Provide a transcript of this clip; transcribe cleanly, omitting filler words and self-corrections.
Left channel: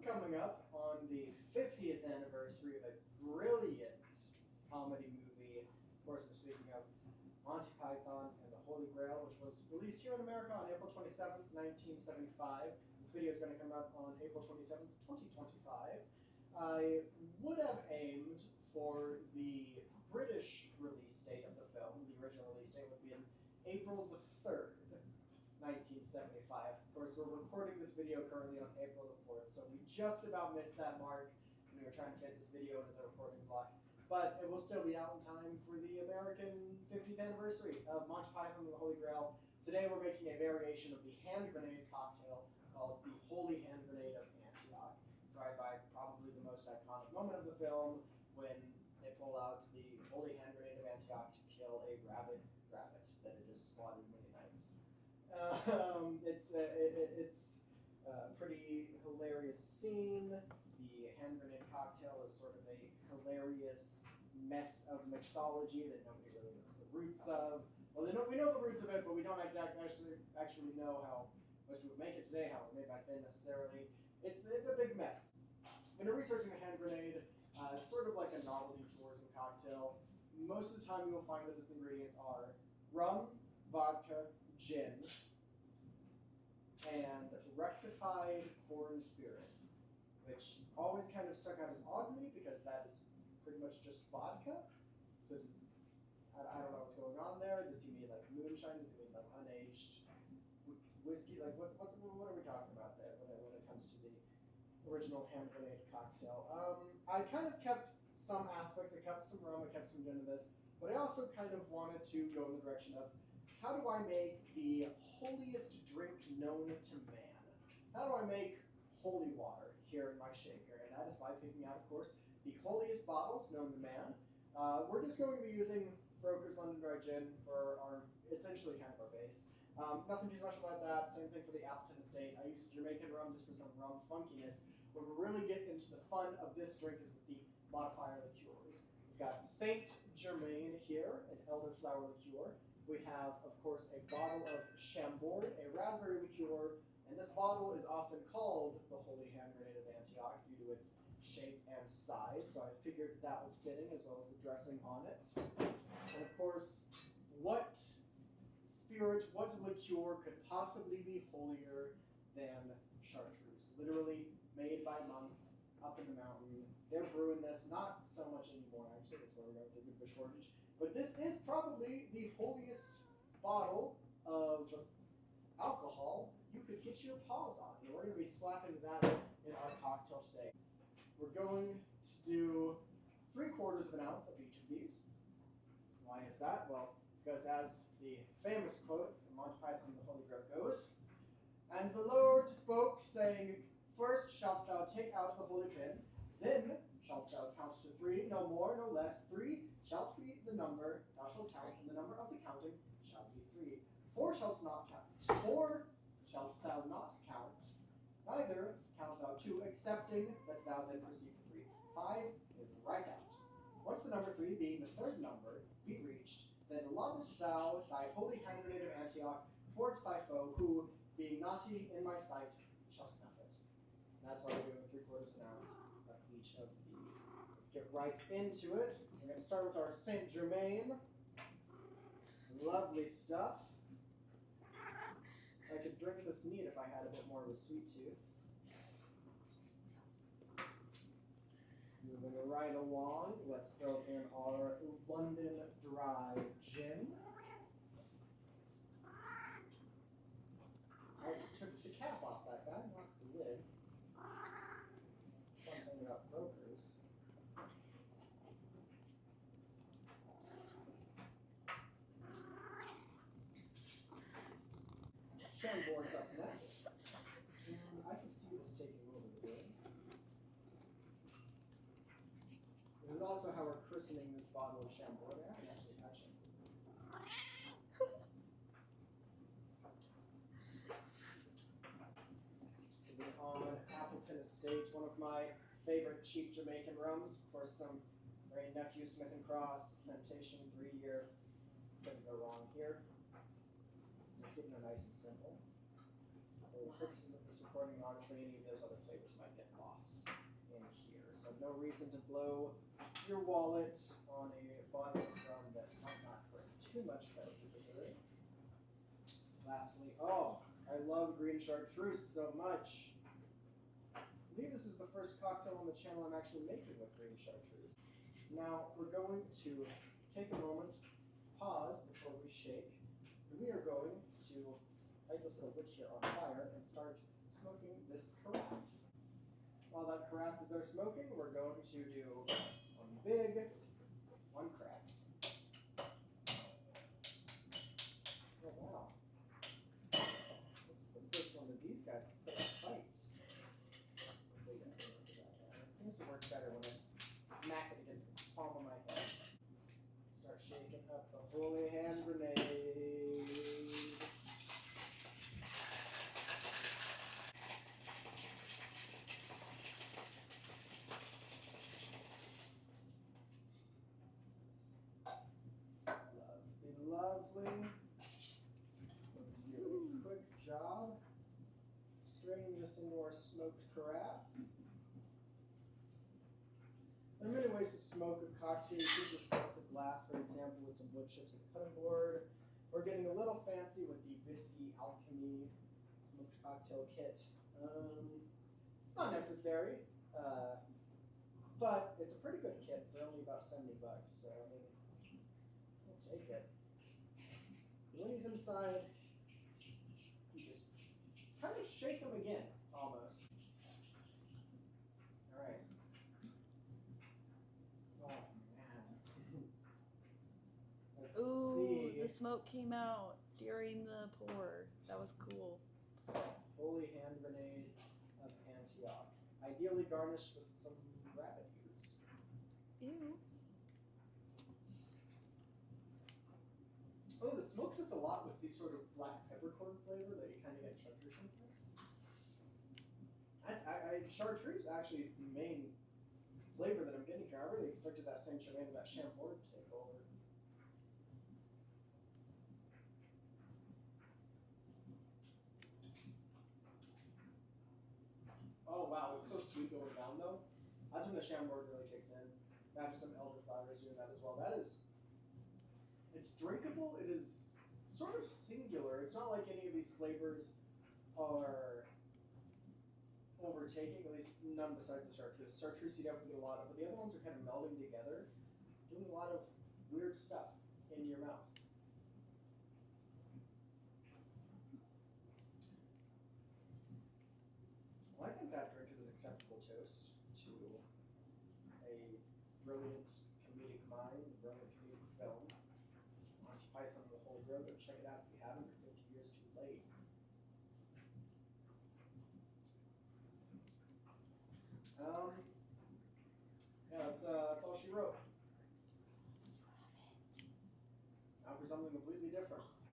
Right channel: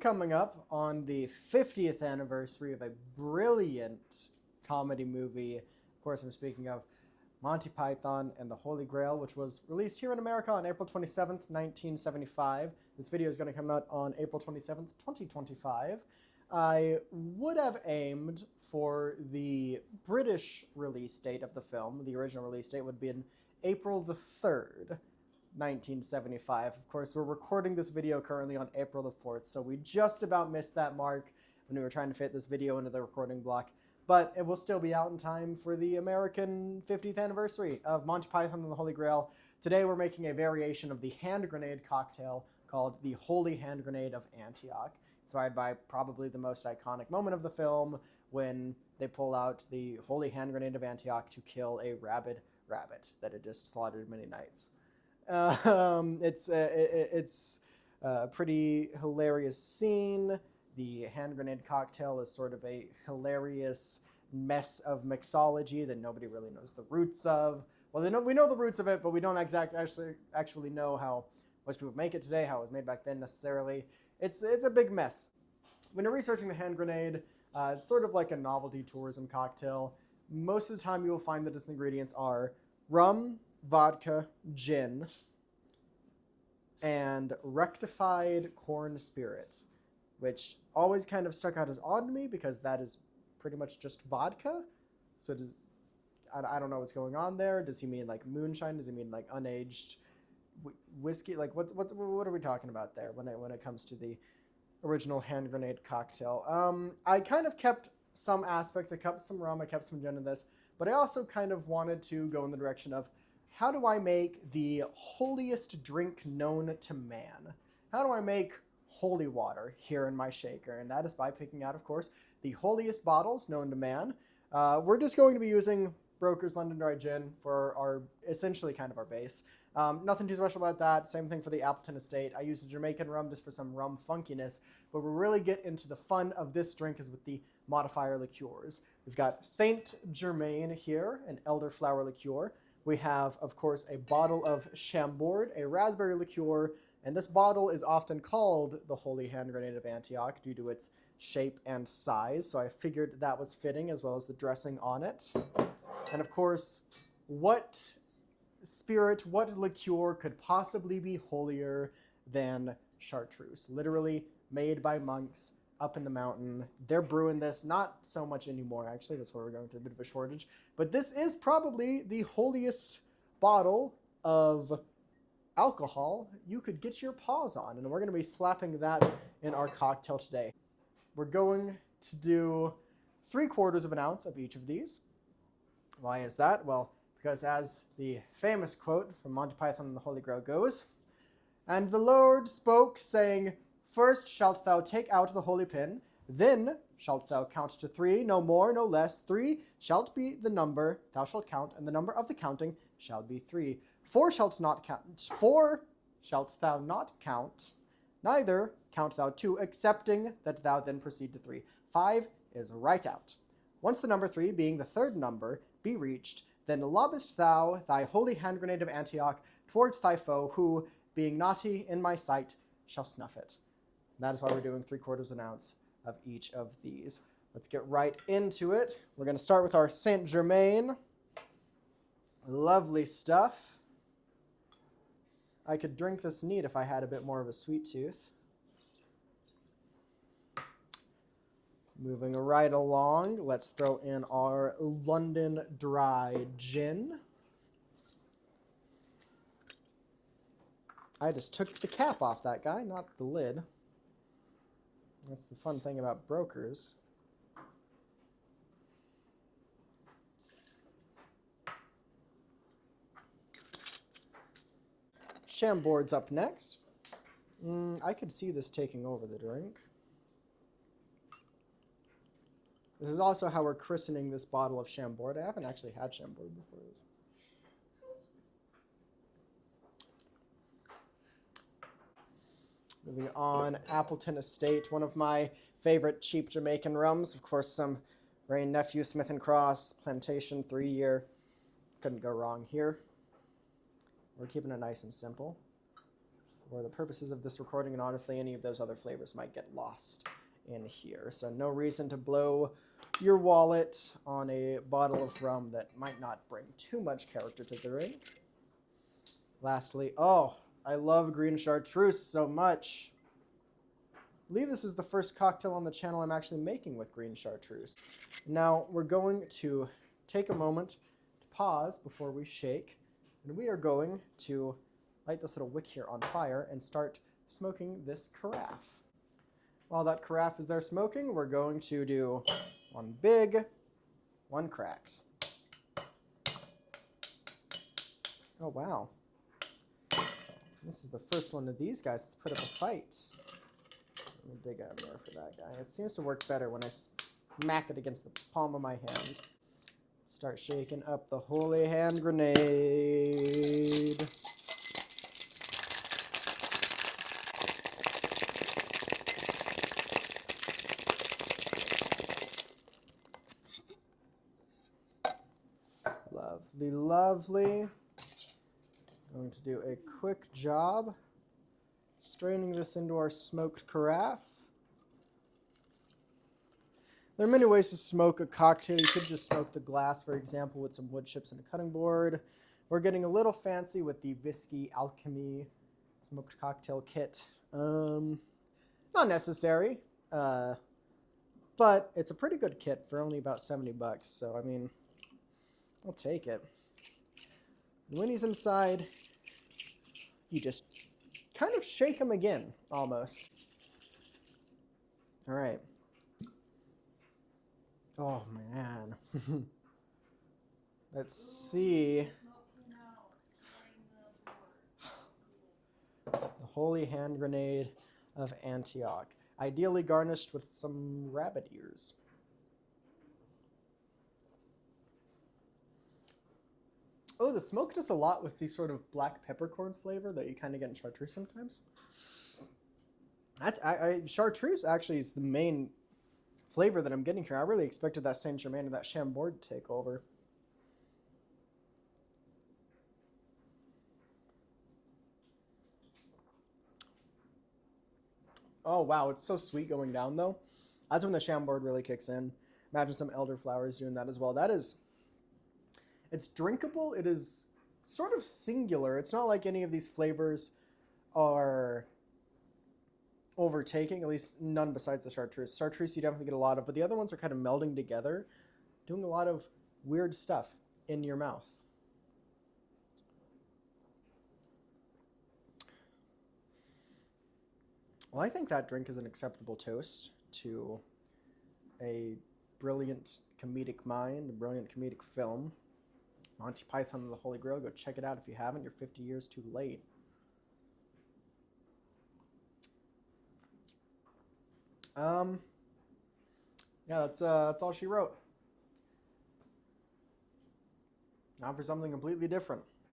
coming up on the 50th anniversary of a brilliant comedy movie. Of course, I'm speaking of Monty Python and the Holy Grail, which was released here in America on April 27th, 1975. This video is going to come out on April 27th, 2025. I would have aimed for the British release date of the film. The original release date would be in April the 3rd, 1975. Of course, we're recording this video currently on April the 4th, so we just about missed that mark when we were trying to fit this video into the recording block. But it will still be out in time for the American 50th anniversary of Monty Python and the Holy Grail. Today we're making a variation of the hand grenade cocktail called the Holy Hand Grenade of Antioch, inspired by probably the most iconic moment of the film when they pull out the Holy Hand Grenade of Antioch to kill a rabid rabbit that had just slaughtered many knights. It's a pretty hilarious scene. The hand grenade cocktail is sort of a hilarious mess of mixology that nobody really knows the roots of. Well, we know the roots of it, but we don't actually know how most people make it today, how it was made back then necessarily. It's a big mess. When you're researching the hand grenade, it's sort of like a novelty tourism cocktail. Most of the time you will find that its ingredients are rum, vodka, gin, and rectified corn spirit, which always kind of stuck out as odd to me because that is pretty much just vodka. So I don't know what's going on there. Does he mean like moonshine? Does he mean like unaged whiskey? Like what are we talking about there when it comes to the original hand grenade cocktail? I kind of kept some aspects. I kept some rum, I kept some gin in this, but I also kind of wanted to go in the direction of how do I make the holiest drink known to man? How do I make holy water here in my shaker? And that is by picking out, of course, the holiest bottles known to man. We're just going to be using Broker's London Dry Gin for our, essentially kind of our base. Nothing too special about that. Same thing for the Appleton Estate. I use a Jamaican rum just for some rum funkiness, but we really get into the fun of this drink is with the modifier liqueurs. We've got Saint Germain here, an elderflower liqueur. We have, of course, a bottle of Chambord, a raspberry liqueur, and this bottle is often called the Holy Hand Grenade of Antioch due to its shape and size, so I figured that was fitting, as well as the dressing on it. And of course, what spirit, what liqueur could possibly be holier than chartreuse? Literally made by monks up in the mountain. They're brewing this, not so much anymore, actually. That's why we're going through a bit of a shortage. But this is probably the holiest bottle of alcohol you could get your paws on, and we're going to be slapping that in our cocktail today. We're going to do 3/4 of an ounce of each of these. Why is that? Well, because as the famous quote from Monty Python and the Holy Grail goes, "And the Lord spoke, saying, First shalt thou take out the holy pin, then shalt thou count to 3, no more, no less. 3 shalt be the number thou shalt count, and the number of the counting shall be 3. 4 shalt not count. 4 shalt thou not count, neither count thou 2, excepting that thou then proceed to 3. 5 is right out. Once the number 3, being the third number, be reached, then lobbest thou thy holy hand grenade of Antioch towards thy foe, who, being naughty in my sight, shall snuff it." And that is why we're doing 3/4 of an ounce of each of these. Let's get right into it. We're going to start with our Saint Germain. Lovely stuff. I could drink this neat if I had a bit more of a sweet tooth. Moving right along, let's throw in our London Dry Gin. I just took the cap off that guy, not the lid. That's the fun thing about brokers. Chambord's up next. I could see this taking over the drink. This is also how we're christening this bottle of Chambord. I haven't actually had Chambord before. Moving on, Appleton Estate, one of my favorite cheap Jamaican rums. Of course, some Ray Nephew Smith & Cross Plantation 3-year. Couldn't go wrong here. We're keeping it nice and simple. for the purposes of this recording, and honestly, any of those other flavors might get lost in here. So no reason to blow your wallet on a bottle of rum that might not bring too much character to the drink. Lastly, oh, I love green chartreuse so much. I believe this is the first cocktail on the channel I'm actually making with green chartreuse. Now we're going to take a moment to pause before we shake, and we are going to light this little wick here on fire and start smoking this carafe. While that carafe is there smoking, we're going to do one big, one cracks. Oh wow. This is the first one of these guys that's put up a fight. Let me dig out more for that guy. It seems to work better when I smack it against the palm of my hand. Start shaking up the holy hand grenade. Lovely, lovely. I'm going to do a quick job straining this into our smoked carafe. There are many ways to smoke a cocktail. You could just smoke the glass, for example, with some wood chips and a cutting board. We're getting a little fancy with the Whiskey Alchemy smoked cocktail kit. Not necessary, but it's a pretty good kit for only about $70. So, I mean, I'll take it. And when he's inside, you just kind of shake him again, almost. All right. Oh, man. Let's see. The smoke came out during the pour. That was cool. The holy hand grenade of Antioch. Ideally garnished with some rabbit ears. Ew. Oh, the smoke does a lot with the sort of black peppercorn flavor that you kind of get in chartreuse sometimes. That's chartreuse actually is the main flavor that I'm getting here. I really expected that Saint Germain and that Chambord to take over. Oh wow, it's so sweet going down though. That's when the Chambord really kicks in. Imagine some elderflowers doing that as well. That is, it's drinkable. It is sort of singular. It's not like any of these flavors are overtaking, at least none besides the chartreuse. Chartreuse you definitely get a lot of, but the other ones are kind of melding together, doing a lot of weird stuff in your mouth. Well, I think that drink is an acceptable toast to a brilliant comedic mind, a brilliant comedic film. Monty Python and the Holy Grail. Go check it out if you haven't. You're 50 years too late. Yeah, that's all she wrote. Now for something completely different.